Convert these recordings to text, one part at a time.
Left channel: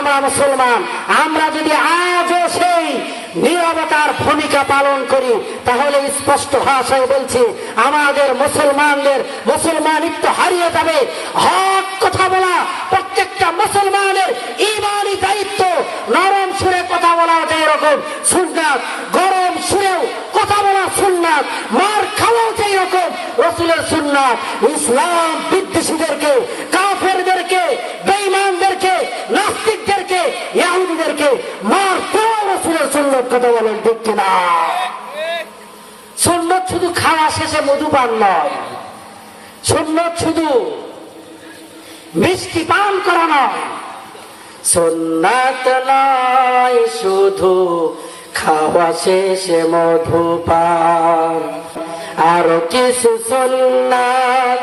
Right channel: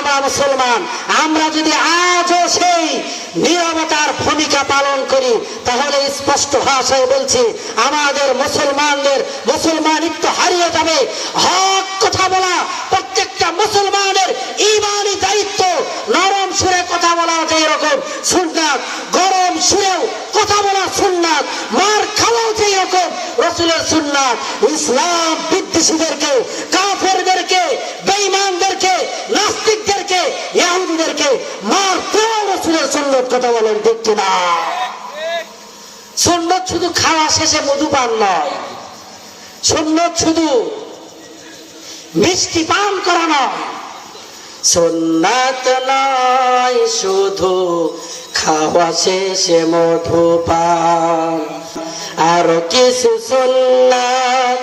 আমরা মুসলমান। আমরা যদি আজও সেই নীরবতার ভূমিকা পালন করি তাহলে স্পষ্ট ভাষায় বলছি আমাদের মুসলমানিত্ব হারিয়ে যাবে। হক কথা বলা প্রত্যেকটা মুসলমানের ঈমানি দায়িত্ব। নরম সুরে কথা বলা যেরকম সুন্নাত, গরম সুরেও কথা বলা সুন্নাত, মার খাওয়াও যেরকম রাসূলের সুন্নাত। ইসলাম বিদ্বেষীদেরকে, কাফেরদেরকে, বেঈমানদেরকে, নাস্তিকদেরকে, ইহুদিদেরকে মারতেও রাসূলের সুন্নাত। কথা বলেন ঠিক কিনা? সুন্নাত শুধু খাওয়া শেষে মধু পান নয়, সুন্নাত শুধু মিষ্টি পান করা নয়, সুন্নাত নয় শুধু খাওয়া শেষে মধু পান। আরো কিছু সুন্নাত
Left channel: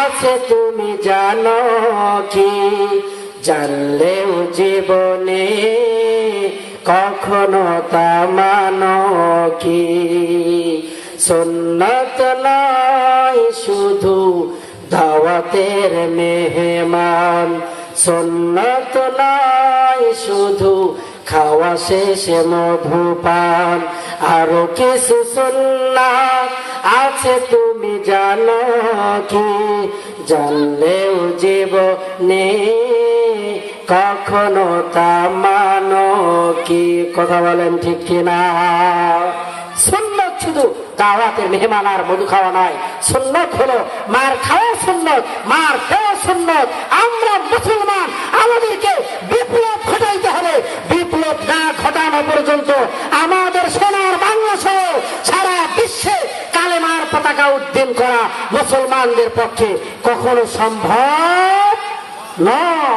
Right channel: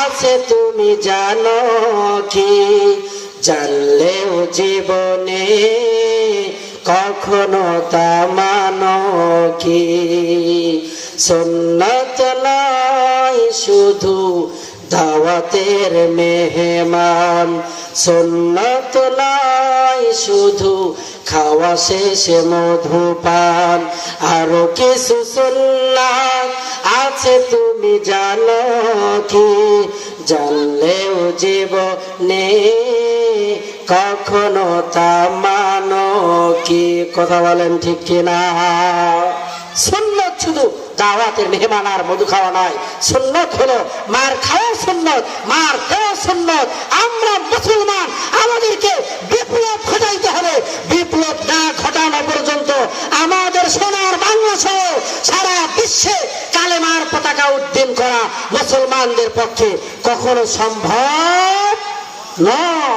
আছে তুমি জানো কি? জানলেও জীবনে কখনো তা মানো কি? সুন্নাত নয় শুধু দাওয়াতের মেহমান, সুন্নাত নয় শুধু খাওয়া শেষে মধু পান। আরো কিছু সুন্নাত আছে তুমি জানো কি? জানলেও জীবনে কখনো তা মানো কি? কথা বলেন ঠিক কিনা? সুন্নাত শুধু দাওয়াতের মেহমান আর মধু খাওয়া নয়, সুন্নাত হলো মার খাওয়া সুন্নাত, মার খাওয়া সুন্নাত। আমরা মুসলমান, আমাদেরকে বিপ্লব ঘটাইতে হবে। বিপ্লব না ঘটানো পর্যন্ত আমাদের সোনার বাংলাদেশে সারা বিশ্বে কালেমার পতাকা উড্ডীন করা মুসলমানদের পক্ষে কখনো সম্ভব নয়।